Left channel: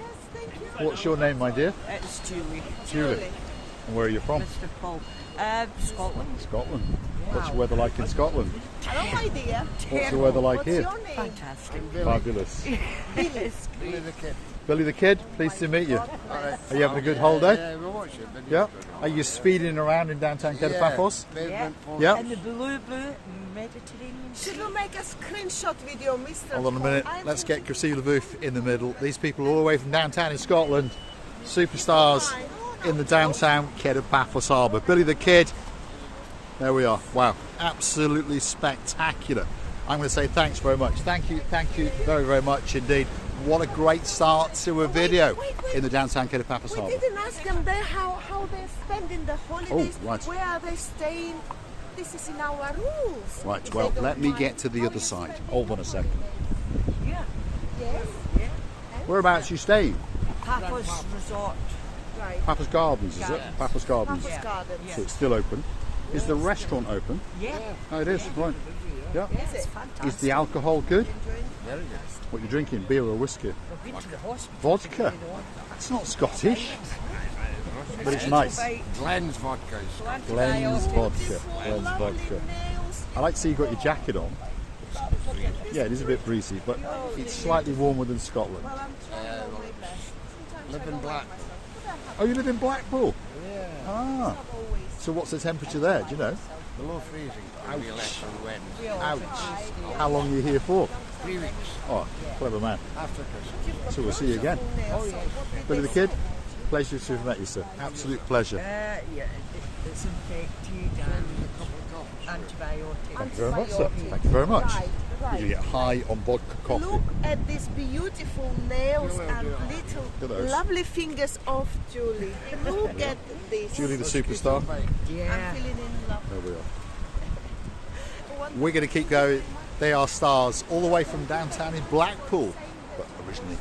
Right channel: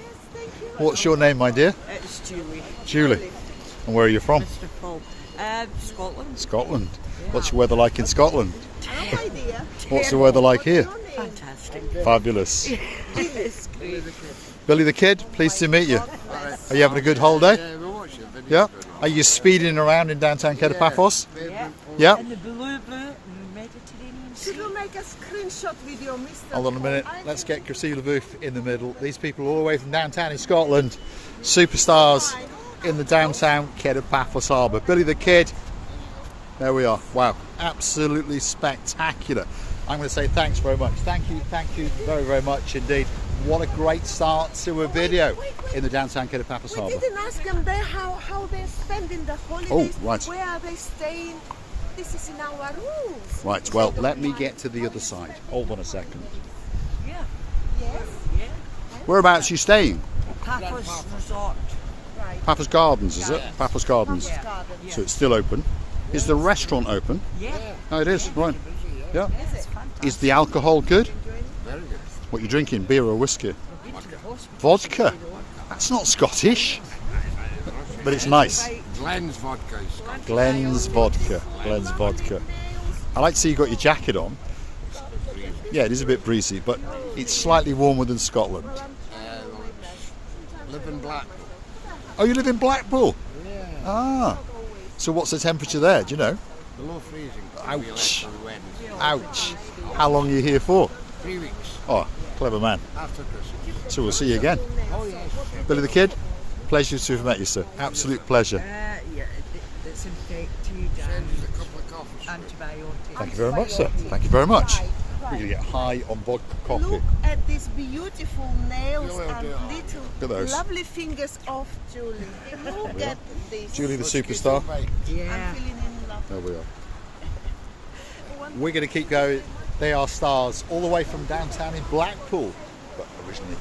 Yes, thank you. What's your name, my dear? It's Julie. Julie. And where are you from? Mr. Paul. Scotland. Scotland. What's the weather like in Scotland? No idea. What's the weather like here? Fantastic. Fabulous. Yes. Billy the Kid, pleased to meet you. Are you having a good holiday? Yeah, we're watching videos. Yeah. going on. Are you speeding around in downtown Kato Paphos? Yeah. Yeah. And the blue Mediterranean She Sea. will make a screenshot video, Mr. Hold on a minute. Let's get Christina Booth in the middle. These people are all the way from downtown in Scotland. Superstars in the downtown Kato Paphos Harbour. Billy the Kid. There we are. Wow. Absolutely spectacular. I'm going to say thanks very much. Thank you very, very much indeed. What a great start to a video in the downtown Kato Paphos We Harbour. didn't ask them there how they're spending the holidays. Oh, right. Where are they staying? This is in our rules. Right, well, let me get to the other side. Hold on a second. Yeah. Yes. Yeah. Whereabouts are you staying? Paphos Resort. Right. Paphos Gardens, is it? Paphos Gardens. Yeah. Gardens. So it's still open. Is the restaurant open? Yeah. Oh, it is, right. Yeah. Is it? Is the alcohol good? Very good. What are you drinking, beer or whiskey? Vodka. Vodka? That's not Scottish, but it's nice. Glen's vodka is Scottish. Glenn's vodka. Glenn's vodka. I like to see you got your jacket on. Yeah, it is a bit breezy, but it's slightly warmer than Scotland. Well, it's live in Blackpool. Oh, you live in Blackpool? Yeah. Ah. So what's the temperature there, do you know? Below freezing. Ouch. We left on Wednesday. Ouch. How long are you here for? 3 weeks Oh, clever man. after Christmas. So we'll see you again. Oh yes. Billy the Kid, pleasure to have met you, sir. Absolute pleasure. Yeah. It's infected and antibiotics. Thank you very much, sir. Thank you very much. Right, We're right. going to get high on vodka coffee. Look at these beautiful nails and Look at little those. lovely fingers of Julie. Look at this. Julie the superstar. Yeah. I'm feeling in love. There we are. We're going to keep going. They are stars all the way from downtown in Blackpool. But originally,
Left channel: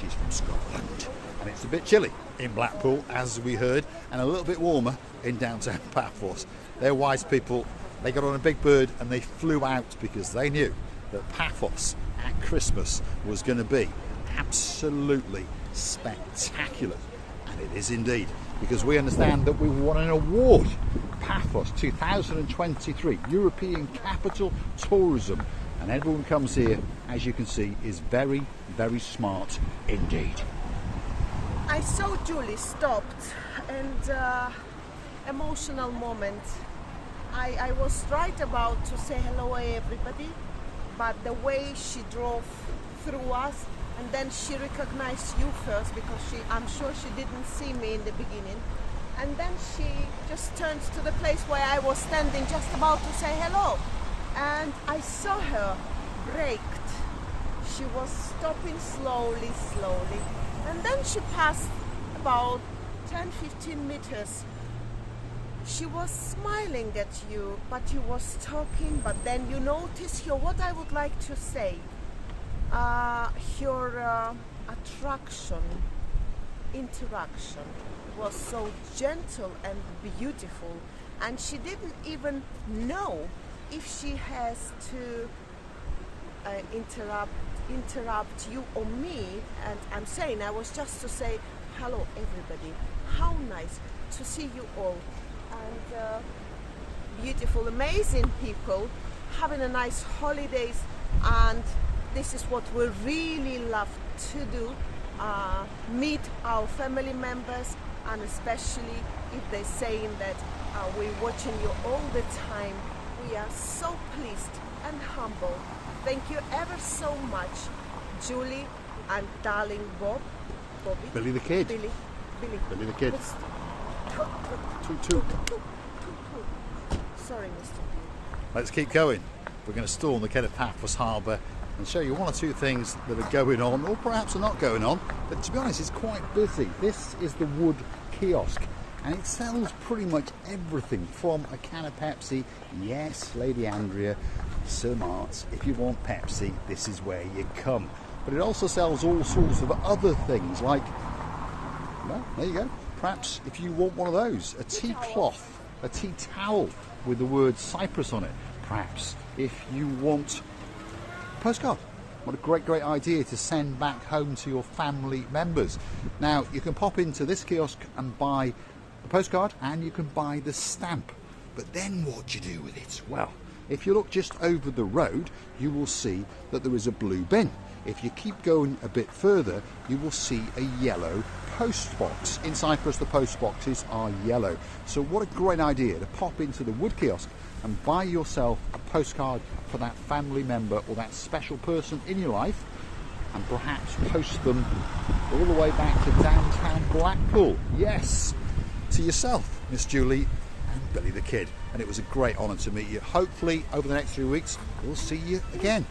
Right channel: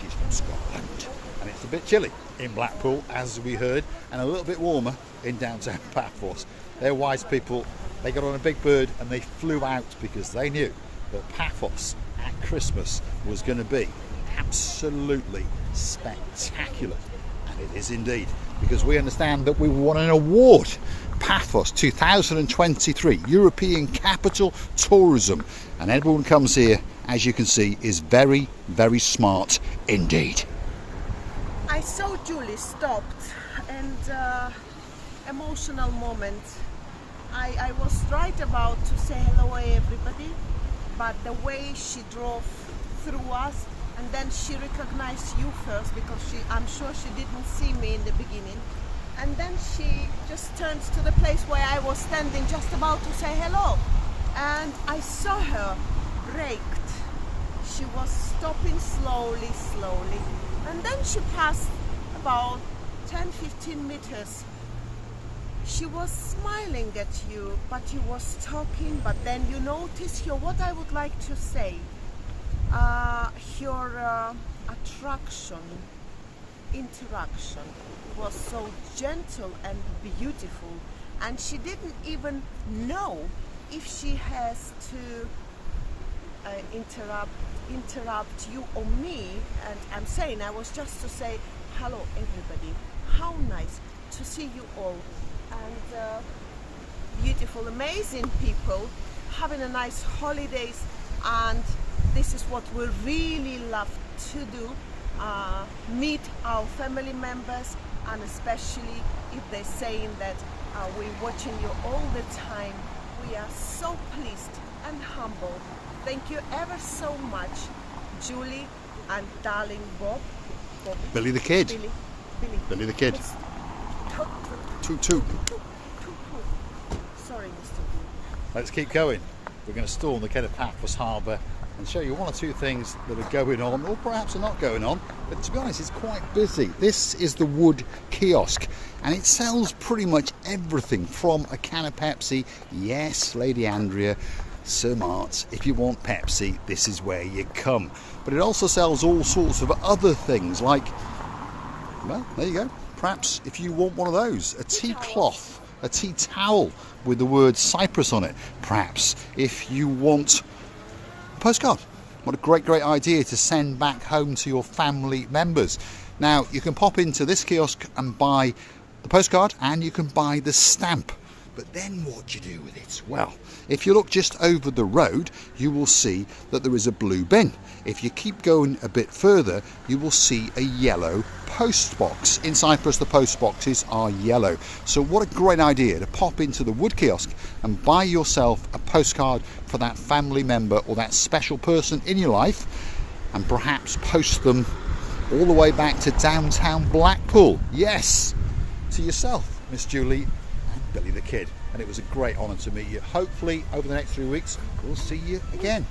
she's from Scotland. And it's a bit chilly in Blackpool, as we heard, and a little bit warmer in downtown Paphos. They're wise people. They got on a big bird and they flew out because they knew that Paphos at Christmas was going to be absolutely spectacular. And it is indeed, because we understand that we won an award. Paphos 2023 European Capital Tourism, and everyone comes here, as you can see, is very, very smart indeed. I saw Julie stopped and emotional moment. I was right about to say hello everybody, but the way she drove through us, and then she recognized you first because I'm sure she didn't see me in the beginning. And then she just turned to the place where I was standing, just about to say hello. And I saw her braked. She was stopping slowly. And then she passed about 10-15 meters. She was smiling at you, but you was talking, but then you notice here what I would like to say. Your interaction was so gentle and beautiful, and she didn't even know if she has to interrupt you or me. And I'm saying I was just to say hello everybody, how nice to see you all, and beautiful, amazing people having a nice holidays. And this is what we really love to do, meet our family members, and especially if they're saying that we're watching you all the time. We are so pleased and humble. Thank you ever so much, Julie and darling Bobby. Billy the Kid. Billy The Kid. Toot toot. Sorry, Mr. B. Let's keep going. We're going to storm the Kato Paphos Harbour and show you one or two things that are going on, or perhaps are not going on, but to be honest, it's quite busy. This is the Wood Kiosk, and it sells pretty much everything from a can of Pepsi. Yes, Lady Andrea, Sir Mart, if you want Pepsi, this is where you come. But it also sells all sorts of other things, like, well, there you go. Perhaps if you want one of those, a tea cloth, a tea towel with the word Cyprus on it. Perhaps if you want a postcard What a great idea to send back home to your family members. Now, you can pop into this kiosk and buy the postcard, and you can buy the stamp. But then what do you do with it? Well, if you look just over the road, you will see that there is a blue bin. If you keep going a bit further, you will see a yellow post box. In Cyprus, the post boxes are yellow. So what a great idea to pop into the wood kiosk and buy yourself a postcard for that family member or that special person in your life, and perhaps post them all the way back to downtown Blackpool. Yes, to yourself, Miss Julie and Billy the Kid. And it was a great honour to meet you. Hopefully over the next 3 weeks we'll see you again,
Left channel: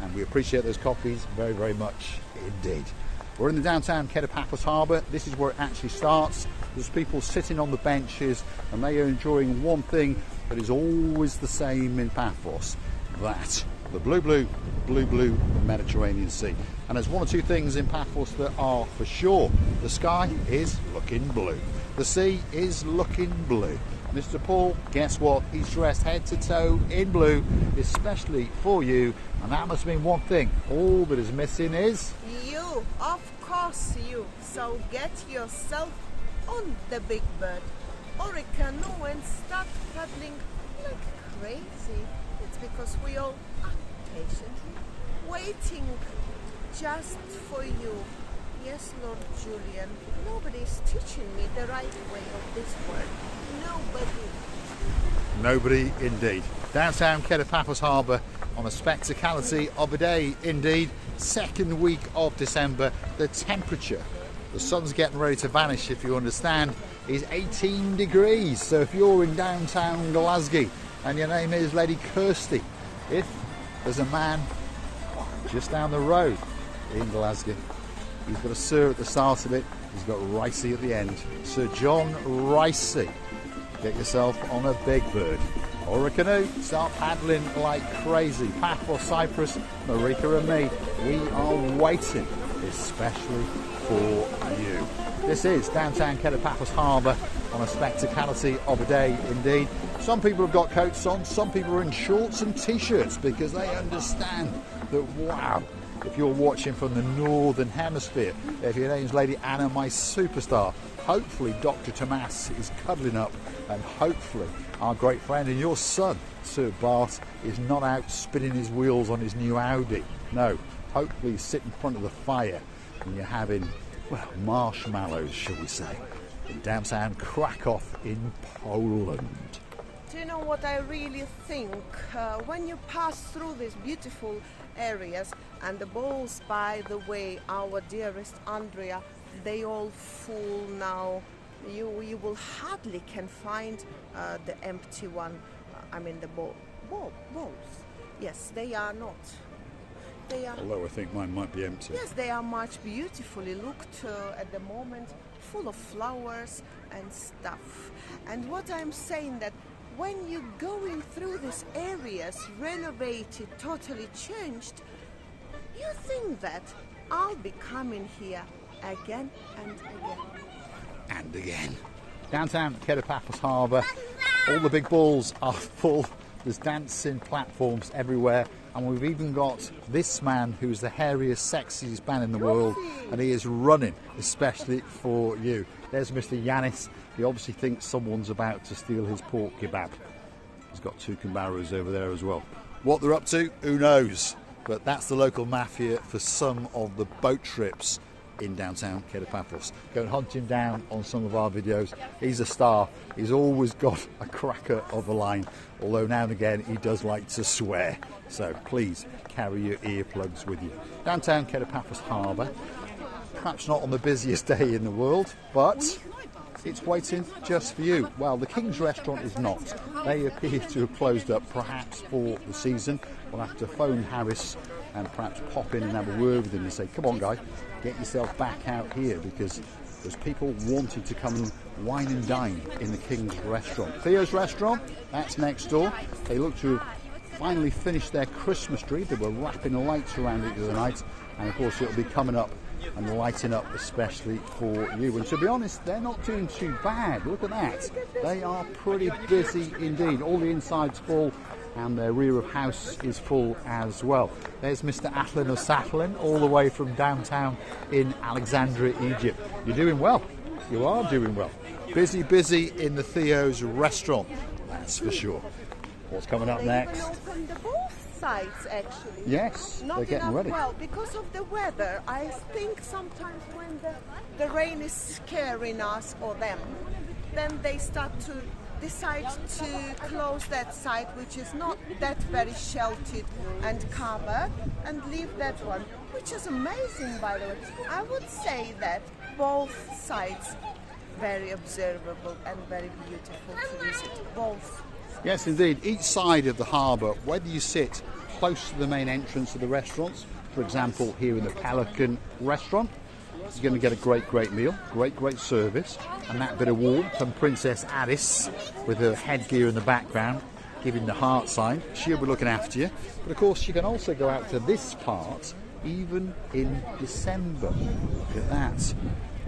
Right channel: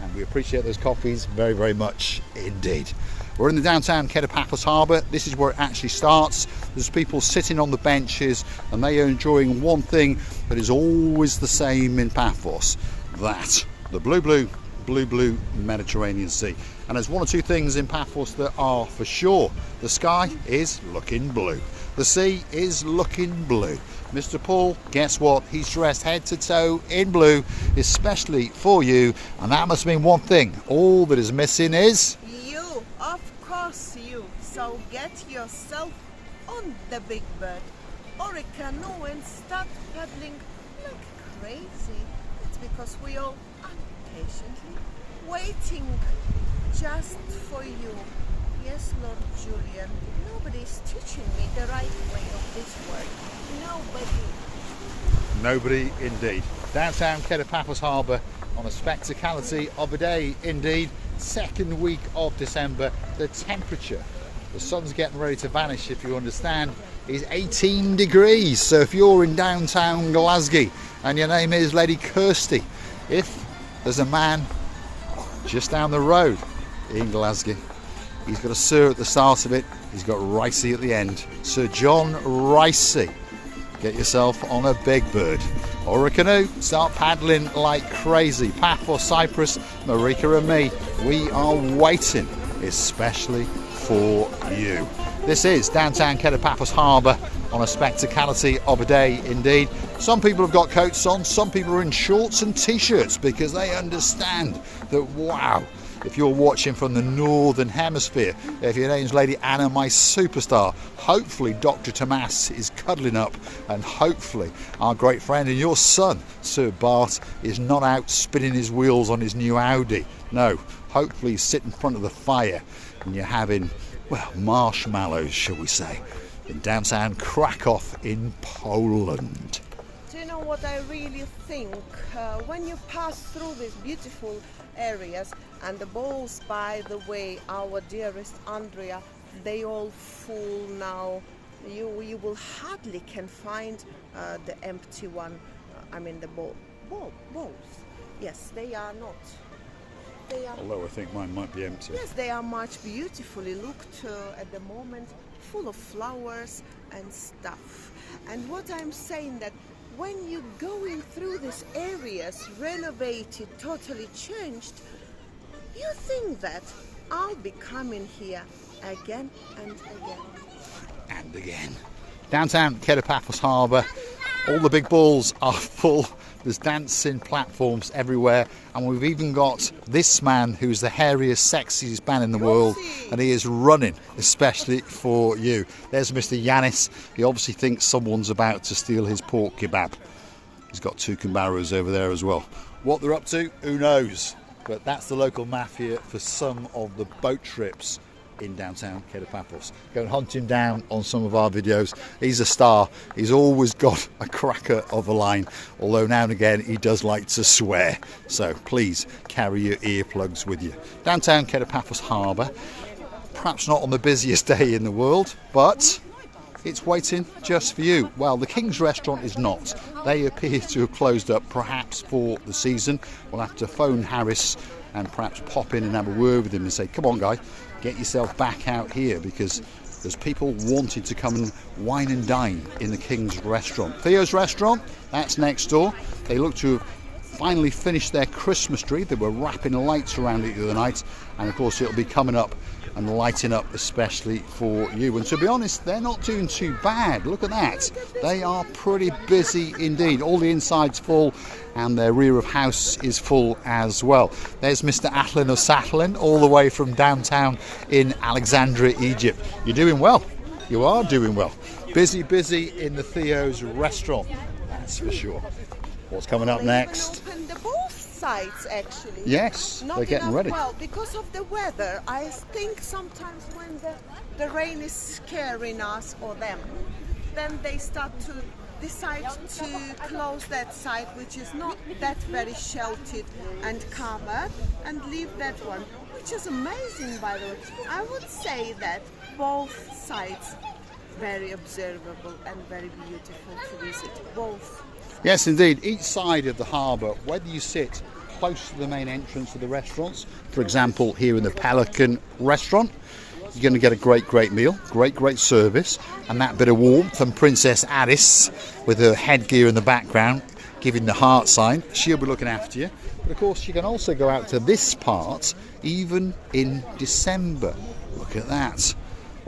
and we appreciate those coffees very much indeed. We're in the downtown Kato Paphos Harbour. This is where it actually starts. There's people sitting on the benches and they are enjoying one thing that is always the same in Paphos, that the blue Mediterranean Sea. And there's one or two things in Paphos that are for sure. The sky is looking blue. The sea is looking blue. Mr. Paul, guess what? He's dressed head to toe in blue, especially for you. And that must mean one thing. All that is missing is... you, of course you. So get yourself on the big bird or a canoe and start paddling like crazy. It's because we all impatiently waiting just for you. Yes, Lord Julian, nobody's teaching me the right way of this word. Nobody indeed. Downtown Kato Paphos Harbour on a spectacality of a day indeed. Second week of December. The temperature, the sun's getting ready to vanish if you understand, is 18 degrees. So if you're in downtown Glasgow and your name is Lady Kirsty, if there's a man just down the road in Glasgow, he's got a Sir at the start of it, he's got Ricey at the end. Sir John Ricey. Get yourself on a big bird or a canoe, start paddling like crazy. Paphos, Cyprus, Marika and me, we are waiting especially for you. This is downtown Kato Paphos Harbour on a spectacality of a day indeed. Some people have got coats on, some people are in shorts and t-shirts because they understand that, wow, if you're watching from the Northern Hemisphere, if your name's Lady Anna, my superstar, hopefully Dr. Tomas is cuddling up, and hopefully our great friend and your son, Sir Bart, is not out spinning his wheels on his new Audi. No, hopefully he's sitting in front of the fire and you're having, well, marshmallows, shall we say, in downtown Krakow in Poland. Do you know what I really think? When you pass through these beautiful areas, and the balls, by the way, our dearest Andrea, they all full now. You will hardly can find the empty one. I mean the balls. Yes, they are not. They are. Although I think mine might be empty. Yes, they are much beautifully looked at the moment, full of flowers and stuff. And what I'm saying that when you're going through these areas, renovated, totally changed, you think that I'll be coming here again and again. And again. Downtown Kato Paphos Harbour, all the big balls are full. There's dancing platforms everywhere, and we've even got this man who's the hairiest, sexiest man in the world, and he is running especially for you. There's Mr. Yanis. He obviously thinks someone's about to steal his pork kebab. He's got two Cambaros over there as well. What they're up to, who knows? But that's the local mafia for some of the boat trips in downtown Kato Paphos. Go and hunt him down on some of our videos. He's a star. He's always got a cracker of a line, although now and again he does like to swear. So please carry your earplugs with you. Downtown Kato Paphos Harbour, perhaps not on the busiest day in the world, but it's waiting just for you. Well, the King's Restaurant is not. They appear to have closed up, perhaps for the season. We'll have to phone Harris and perhaps pop in and have a word with him and say, come on guy, get yourself back out here, because there's people wanting to come and wine and dine in the King's Restaurant. Theo's Restaurant, that's next door. They look to have finally finished their Christmas tree. They were wrapping lights around it the other night, and of course it'll be coming up and lighting up especially for you. And to be honest, they're not doing too bad. Look at that. They are pretty busy indeed. All the inside's full and their rear of house is full as well. There's Mr. Atlin of Satlin, all the way from downtown in Alexandria, Egypt. You're doing well. You are doing well. Busy, busy in the Theo's restaurant, that's for sure. What's coming up next? Opened both sides actually. Yes, Not they're getting enough, ready. Well, because of the weather, I think sometimes when the rain is scaring us or them, then they start to decide to close that side, which is not that very sheltered and covered, and leave that one, which is amazing, by the way. I would say that both sides very observable and very beautiful to visit. Both. Yes, indeed. Each side of the harbour, whether you sit close to the main entrance of the restaurants, for example, here in the Pelican restaurant, you're going to get a great meal, great service, and that bit of warmth. And Princess Alice, with her headgear in the background, giving the heart sign, she'll be looking after you. But of course, you can also go out to this part, even in December. Look at that.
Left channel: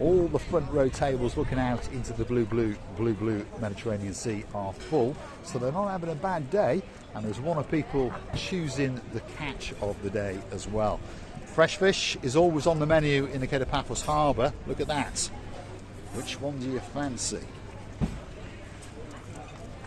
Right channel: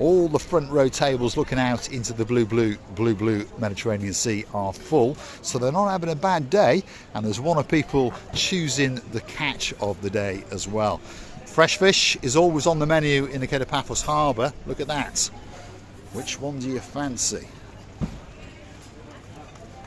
All the front row tables looking out into the blue Mediterranean Sea are full, so they're not having a bad day, and there's one of people choosing the catch of the day as well. Fresh fish is always on the menu in the Kato Paphos Harbour. Look at that. Which one do you fancy?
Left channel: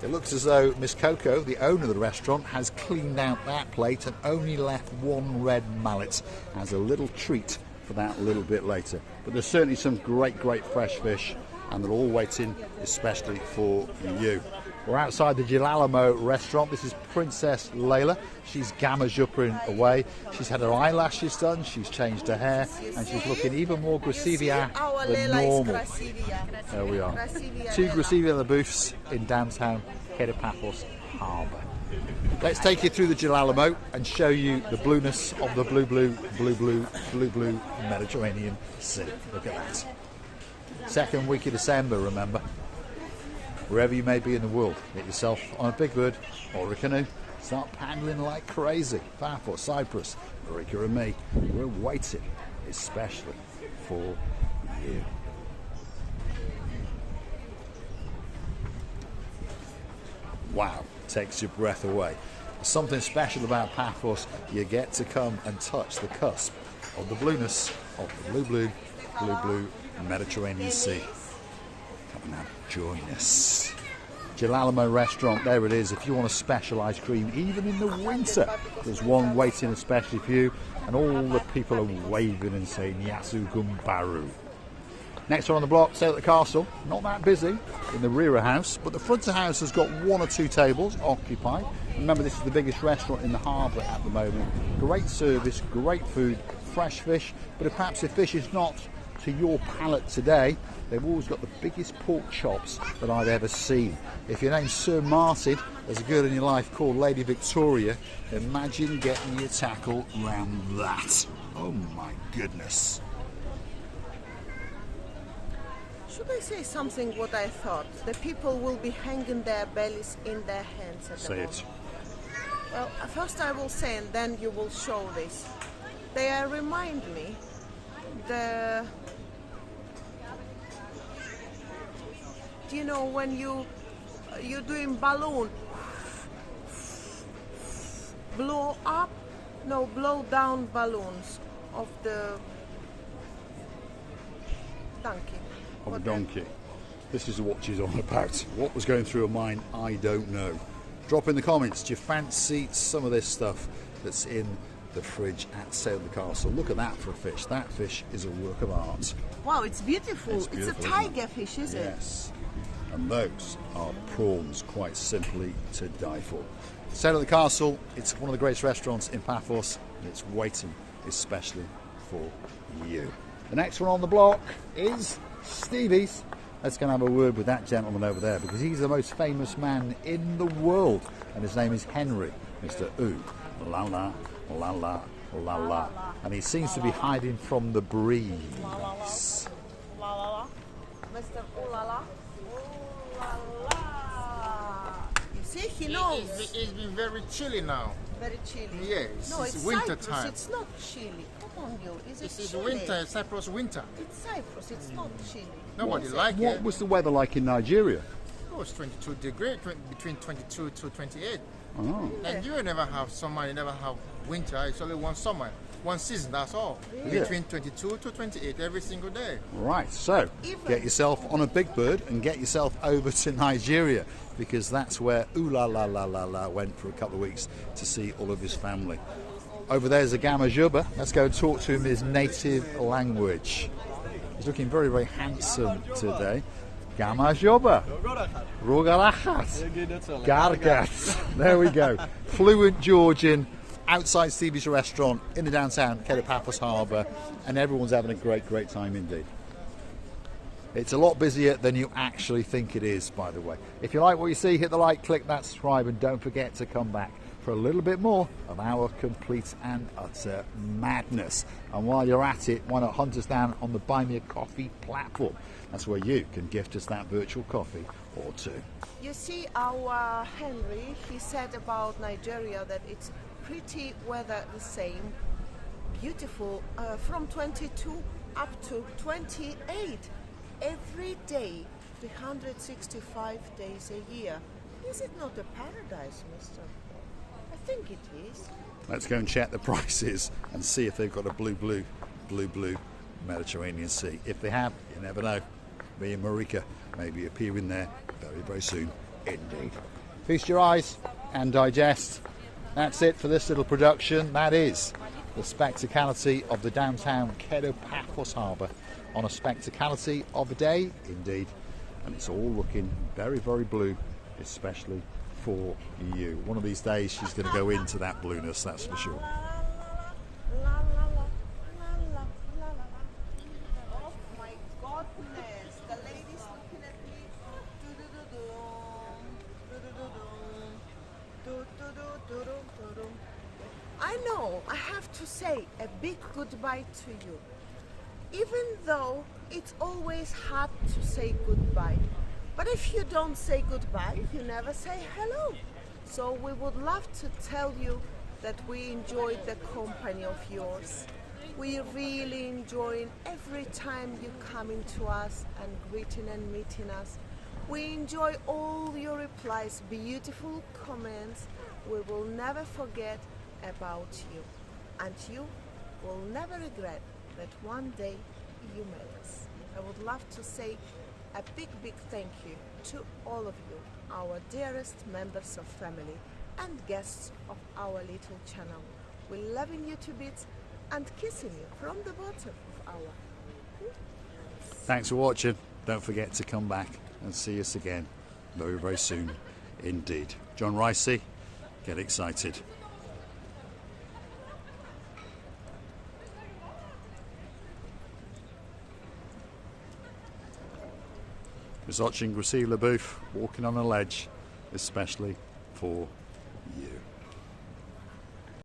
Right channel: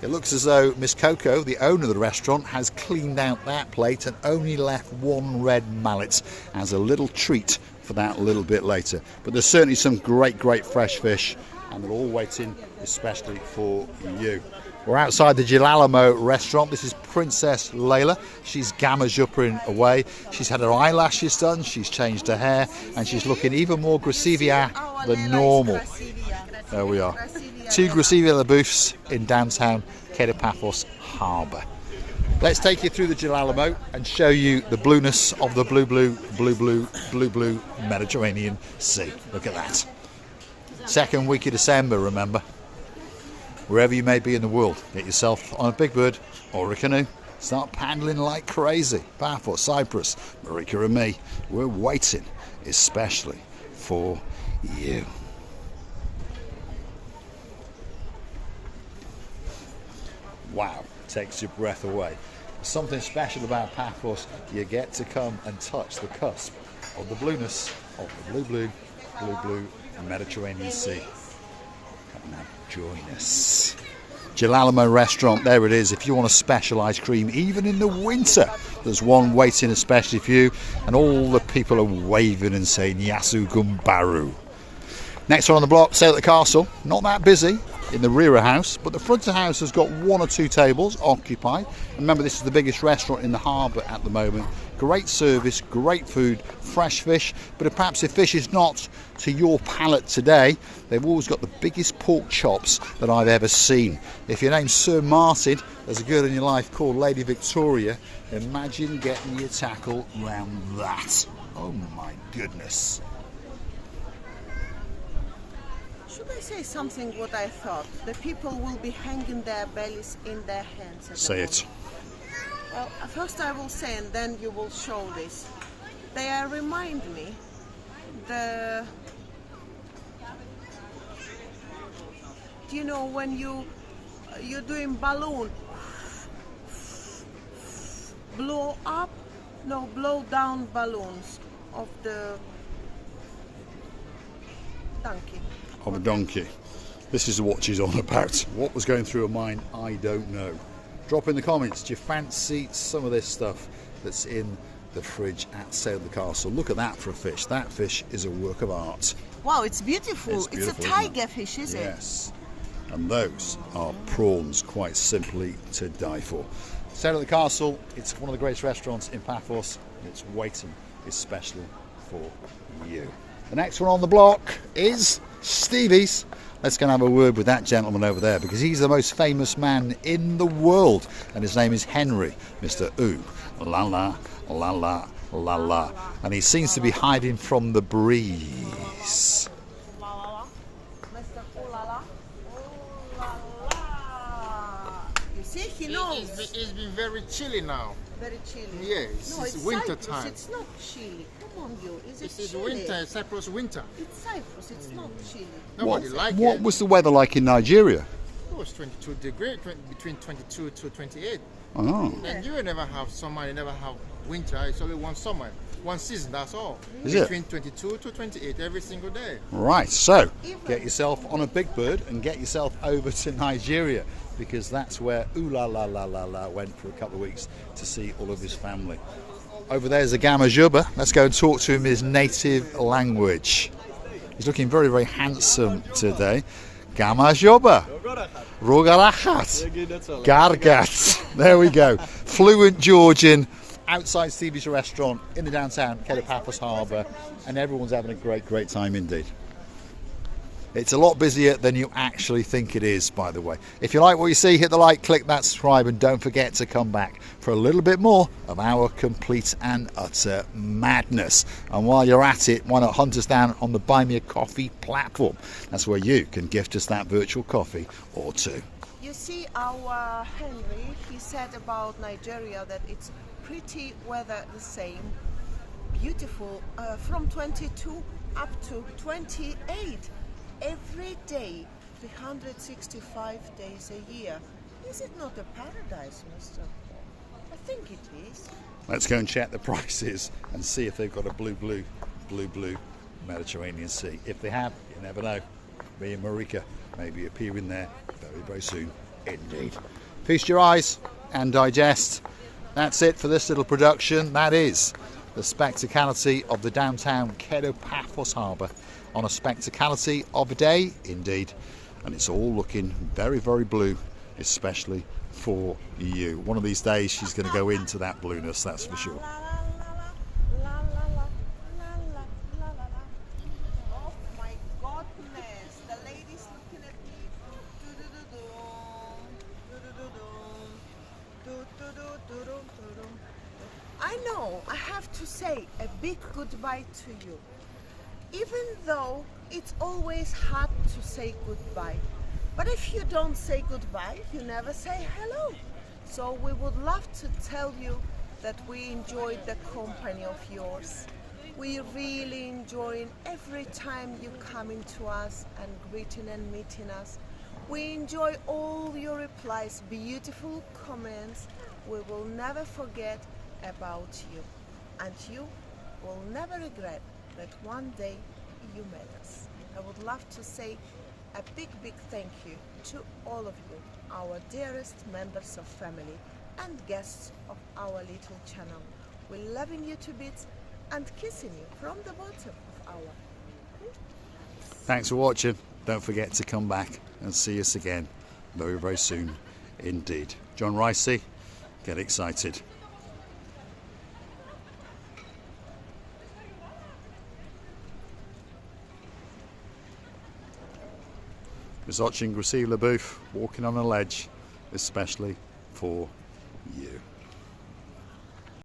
It looks as though Miss Coco, the owner of the restaurant, has cleaned out that plate and only left one red mallet as a little treat for that a little bit later. But there's certainly some great fresh fish, and they're all waiting especially for you. We're outside the Gilalamo restaurant. This is Princess Layla. She's gamma-juppering away. She's had her eyelashes done, she's changed her hair, and she's looking even more Gracivia than normal. There we are. Two Gracivia booths in downtown Kato Paphos Harbour. Let's take you through the Gilalamo and show you the blueness of the blue Mediterranean Sea. Look at that. Second week of December, remember. Wherever you may be in the world, get yourself on a big bird or a canoe. Start paddling like crazy. Paphos, Cyprus, Marika and me, we're waiting especially for you. Wow, takes your breath away. Something special about Paphos, you get to come and touch the cusp of the blueness of the blue Mediterranean Sea. Come on now, join us. Gilalamo restaurant, there it is. If you want a special ice cream, even in the winter, there's one waiting especially for you, and all the people are waving and saying Yasu Gumbaru. Next one on the block, Sail at the Castle. Not that busy in the rear of house, but the front of house has got one or two tables occupied. Remember, this is the biggest restaurant in the harbour at the moment. Great service, great food, fresh fish, but perhaps if fish is not to your palate today, they've always got the biggest pork chops that I've ever seen. If your name's Sir Martin, there's a girl in your life called Lady Victoria, imagine getting your tackle round that. Oh my goodness. Should I say something what I thought? The people will be hanging their bellies in their hands at Say it. Well, first I will say, and then you will show this. They remind me you know, when you're doing balloon, blow down balloons of the donkey. Of a donkey. This is what she's on about. What was going through her mind, I don't know. Drop in the comments, do you fancy some of this stuff that's in the fridge at Sail at the Castle? Look at that for a fish. That fish is a work of art. Wow, it's beautiful. It's a tiger fish, is it? Yes. And those are prawns, quite simply to die for. Sail at the Castle, it's one of the greatest restaurants in Paphos, and it's waiting especially for you. The next one on the block is Stevie's. Let's go and have a word with that gentleman over there, because he's the most famous man in the world, and his name is Henry, Mr. Ooh La La La La La La, and he seems to be hiding from the breeze. Mr. Ooh La La. Ooh La La. You see, he knows. It's been very chilly now. Very chilly. Yes, No, it's it's winter Cyprus. time. It's not chilly. Come on, you. Is it This is chilly? winter, Cyprus winter. It's Cyprus. It's not chilly. Nobody like What it. was the weather like in Nigeria? It was 22 degrees, between 22 to 28. Oh, And you never have summer, you never have winter. It's only one summer, one season, that's all. Is it? Between 22 to 28 every single day. right. So get yourself on a big bird and get yourself over to Nigeria, because that's where Ooh La La La La La went for a couple of weeks to see all of his family. Over there's a Gama Juba. Let's go and talk to him in his native language. He's looking very, very handsome today. Gama Juba. Rogarachat. Gargat. There we go. Fluent Georgian outside Stevie's restaurant in the downtown Kato Paphos Harbour, and everyone's having a great, great time indeed. It's a lot busier than you actually think it is, by the way. If you like what you see, hit the like, click that subscribe, and don't forget to come back for a little bit more of our complete and utter madness. And while you're at it, why not hunt us down on the Buy Me a Coffee platform? That's where you can gift us that virtual coffee or two. You see, our Henry, he said about Nigeria that it's pretty weather the same, beautiful, from 22 up to 28 every day, 365 days a year. Is it not a paradise, Mr. Paul? I think it is. Let's go and check the prices and see if they've got a blue Mediterranean Sea. If they have, you never know. Me and Marika may be appearing there very, very soon indeed. Feast your eyes and digest. That's it for this little production. That is the spectacality of the downtown Kato Paphos Harbour on a spectacality of a day indeed. And it's all looking very, very blue, especially for you. One of these days she's going to go into that blueness, that's for sure. Oh my goodness, the lady's looking at me. I know, I have to say a big goodbye to you. Even though it's always hard to say goodbye. But if you don't say goodbye, you never say hello. So we would love to tell you that we enjoyed the company of yours. We really enjoy every time you come into us and greeting and meeting us. We enjoy all your replies, beautiful comments. We will never forget about you. And you will never regret that one day you met us. I would love to say a big, big thank you to all of you, our dearest members of family and guests of our little channel. We're loving you to bits and kissing you from the bottom of our... Thanks for watching. Don't forget to come back and see us again very, very soon indeed. John Ricey, get excited. Just watching Gracie LaBouffe walking on a ledge, especially for